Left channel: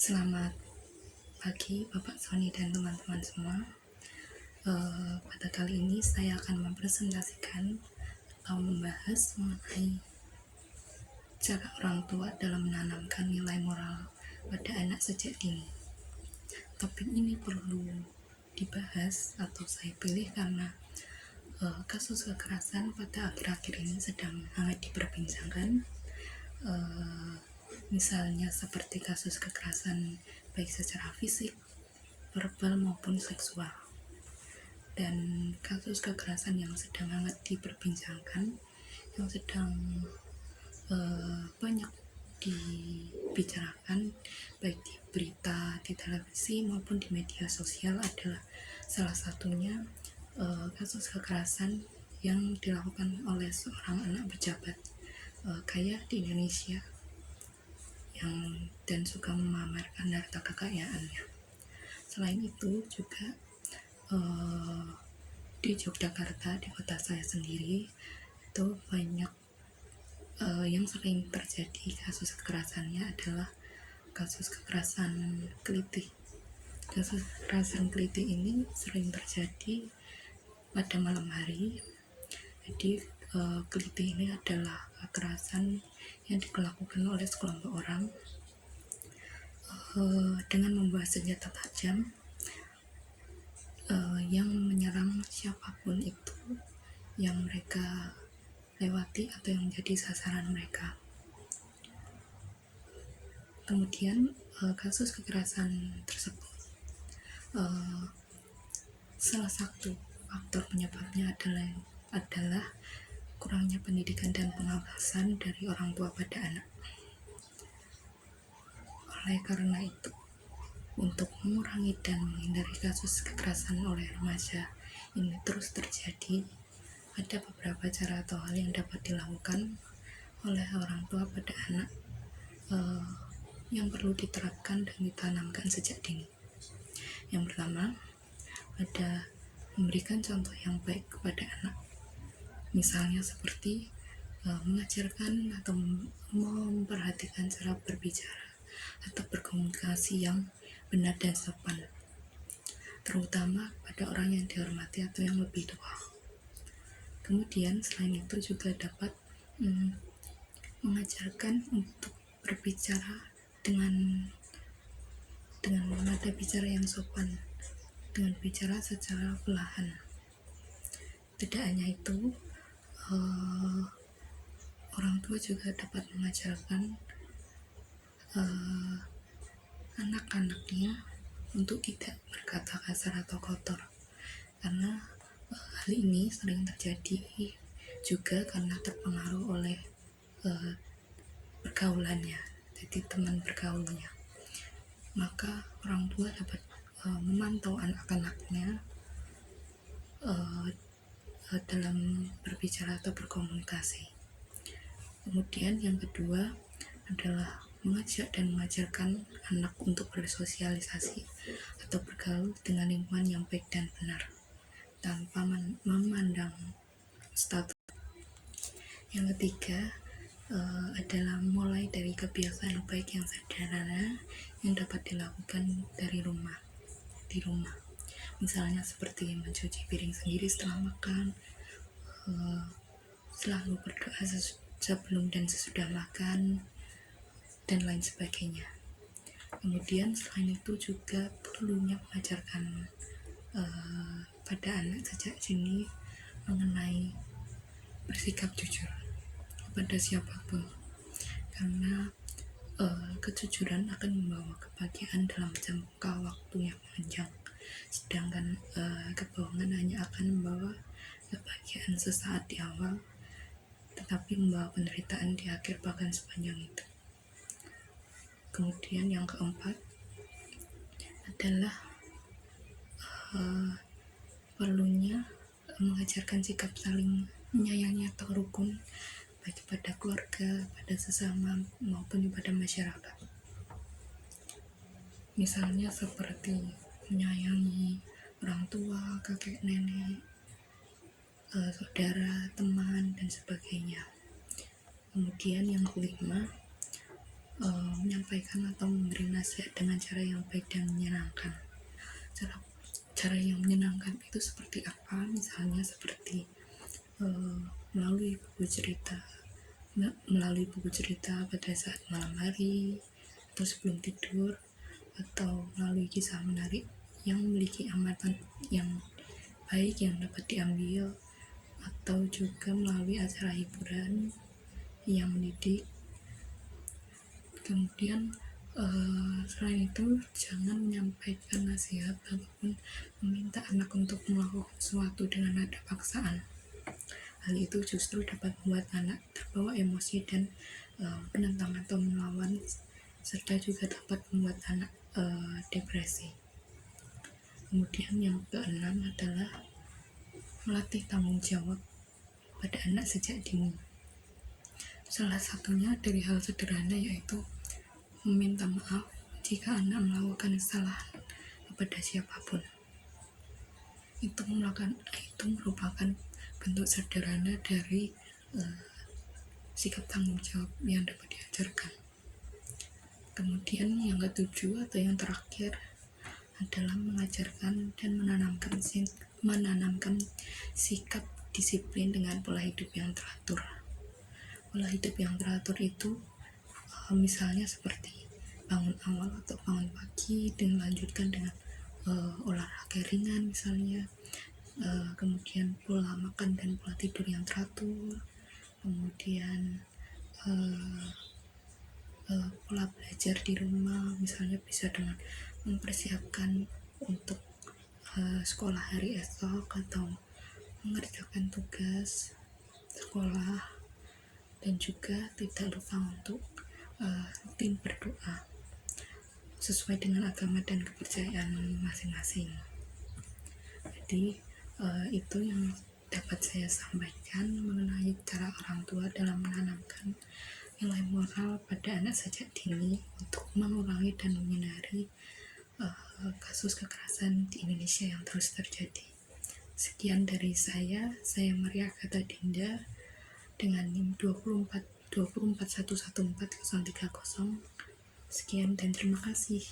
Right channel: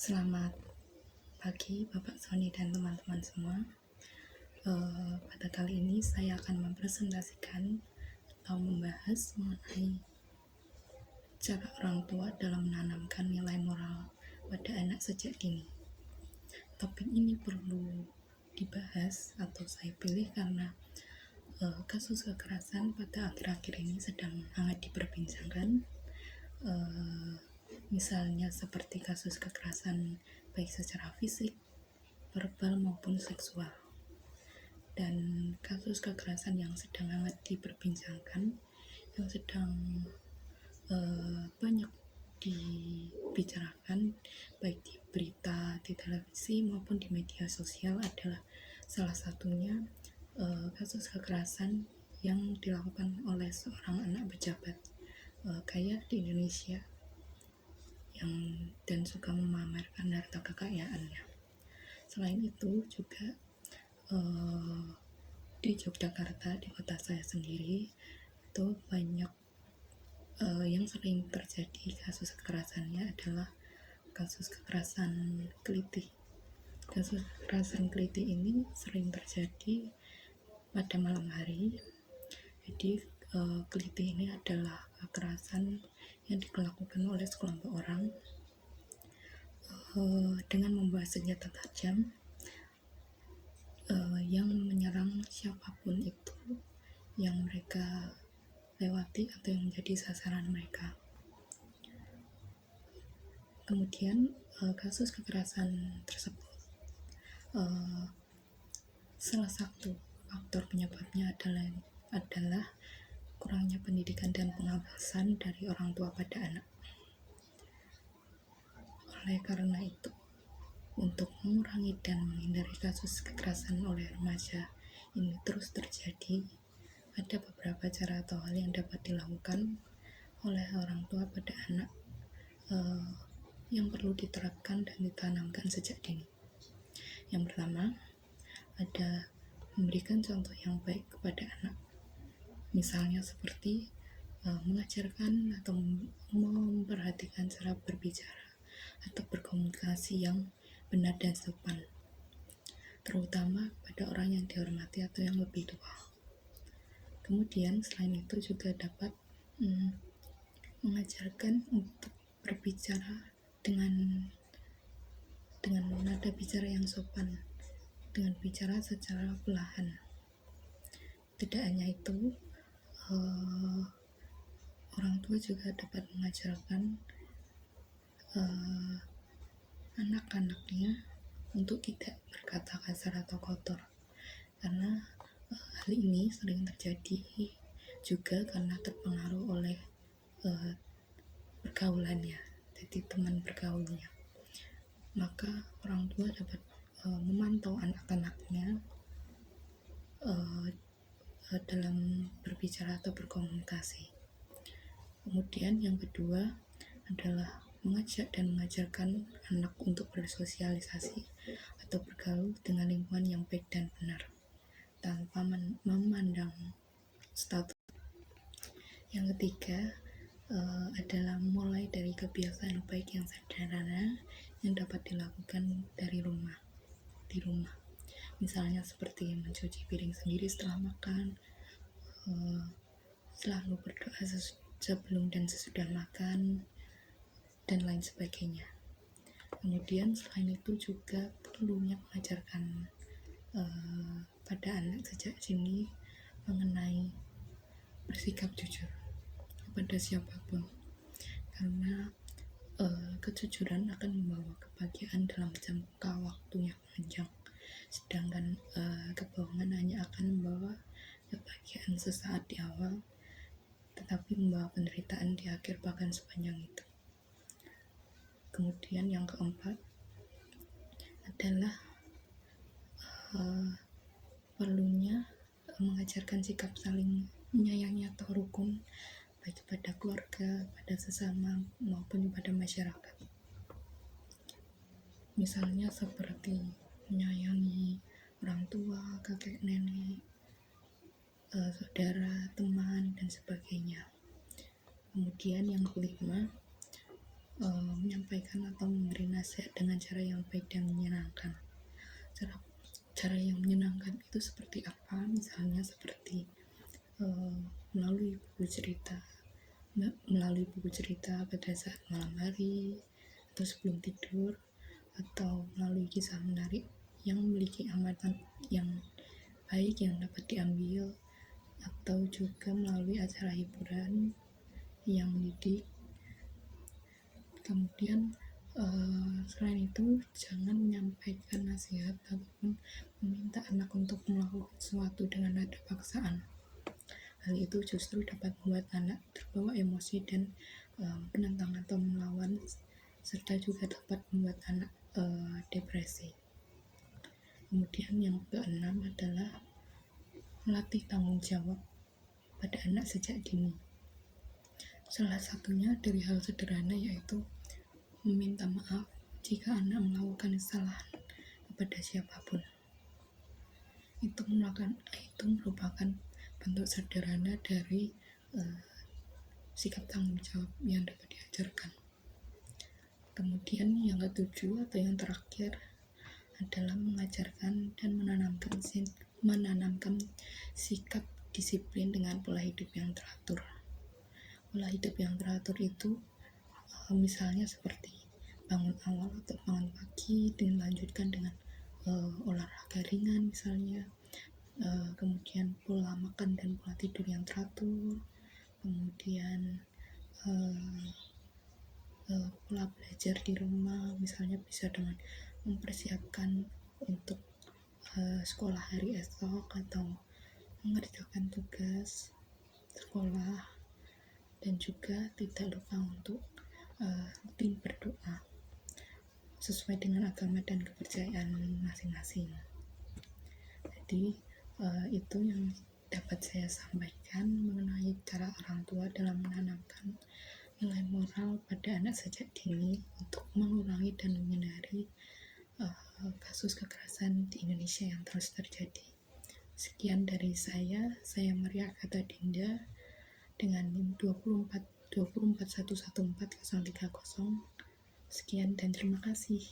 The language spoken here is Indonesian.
Selamat pagi Bapak Sony dan teman-teman semua. Pada kali ini saya akan mempresentasikan atau membahas mengenai cara orang tua dalam menanamkan nilai moral pada anak sejak dini. Topik ini perlu dibahas atau saya pilih karena kasus kekerasan pada akhir-akhir ini sedang hangat diperbincangkan. Misalnya seperti kasus kekerasan baik secara fisik, verbal maupun seksual. Dan kasus kekerasan yang sedang hangat diperbincangkan, yang sedang banyak dibicarakan baik di berita, di televisi maupun di media sosial adalah salah satunya kasus kekerasan yang dilakukan oleh seorang anak pejabat kaya di Indonesia dan suka memamerkan harta kekayaannya. Selain itu juga di Yogyakarta, di kota saya sendiri, itu banyak yang sering terjadi kasus kekerasannya adalah kasus kekerasan kelitih. Kasus kekerasan kelitih ini sering terjadi pada malam hari. Jadi kelitih ini adalah kekerasan yang dilakukan oleh sekelompok orang dengan membawa senjata tajam yang menyerang siapapun itu yang mereka lewati atau yang menjadi sasaran mereka. Kemudian kasus kekerasan tersebut salah satu faktor penyebabnya adalah kurangnya pendidikan dan pengawasan dari orang tua pada anak. Oleh karena itu, untuk mengurangi dan menghindari kasus kekerasan oleh remaja ini terus terjadi, ada beberapa cara atau hal yang dapat dilakukan oleh orang tua pada anak yang perlu diterapkan dan ditanamkan sejak dini. Yang pertama, ada memberikan contoh yang baik kepada anak. Misalnya seperti mengajarkan atau memperhatikan cara berbicara atau berkomunikasi yang benar dan sopan, terutama pada orang yang dihormati atau yang lebih tua. Kemudian selain itu juga dapat mengajarkan untuk berbicara dengan nada bicara yang sopan, dengan bicara secara perlahan. Tidak hanya itu, orang tua juga dapat mengajarkan anak-anaknya untuk tidak berkata kasar atau kotor, karena hal ini sering terjadi juga karena terpengaruh oleh pergaulannya, jadi teman bergaulnya. Maka orang tua dapat memantau anak-anaknya dalam berbicara atau berkomunikasi. Kemudian yang kedua adalah mengajak dan mengajarkan anak untuk bersosialisasi atau bergaul dengan lingkungan yang baik dan benar tanpa memandang status. Yang ketiga adalah mulai dari kebiasaan baik yang sederhana yang dapat dilakukan di rumah. Misalnya seperti mencuci piring sendiri setelah makan, selalu berdoa sebelum dan sesudah makan, dan lain sebagainya. Kemudian selain itu juga perlunya mengajarkan pada anak sejak dini mengenai bersikap jujur kepada siapapun, karena kejujuran akan membawa kebahagiaan dalam jangka waktu yang panjang, sedangkan kebohongan hanya akan membawa kebahagiaan sesaat di awal, tetapi membawa penderitaan di akhir bahkan sepanjang itu. Kemudian yang keempat adalah perlunya mengajarkan sikap saling menyayangi atau rukun baik pada keluarga, pada sesama maupun pada masyarakat. Misalnya seperti menyayangi orang tua, kakek nenek, saudara, teman, dan sebagainya. Kemudian yang kelima, menyampaikan atau memberi nasihat dengan cara yang baik dan menyenangkan. Cara yang menyenangkan itu seperti apa? Misalnya seperti melalui buku cerita pada saat malam hari atau sebelum tidur, atau melalui kisah menarik yang memiliki amatan yang baik yang dapat diambil, atau juga melalui acara hiburan yang mendidik. Kemudian selain itu, jangan menyampaikan nasihat ataupun meminta anak untuk melakukan sesuatu dengan nada paksaan. Hal itu justru dapat membuat anak terbawa emosi dan menentang atau melawan, serta juga dapat membuat anak depresi. Kemudian yang keenam adalah melatih tanggung jawab pada anak sejak dini. Salah satunya dari hal sederhana yaitu meminta maaf jika anak melakukan kesalahan kepada siapapun. Itu merupakan bentuk sederhana dari sikap tanggung jawab yang dapat diajarkan. Kemudian yang ketujuh atau yang terakhir adalah mengajarkan dan menanamkan sikap disiplin dengan pola hidup yang teratur. Pola hidup yang teratur itu misalnya seperti bangun awal atau bangun pagi dan lanjutkan dengan olahraga ringan misalnya, kemudian pola makan dan pola tidur yang teratur, kemudian pola belajar di rumah misalnya bisa dengan mempersiapkan untuk sekolah hari esok atau mengerjakan tugas sekolah, dan juga tidak lupa untuk rutin berdoa sesuai dengan agama dan kepercayaan masing-masing. Jadi itu yang dapat saya sampaikan mengenai cara orang tua dalam menanamkan nilai moral pada anak sejak dini untuk mengurangi dan menghindari kasus kekerasan di Indonesia yang terus terjadi. Sekian dari saya Maria Agatha Dinda dengan NIM 241140330. Sekian dan terima kasih.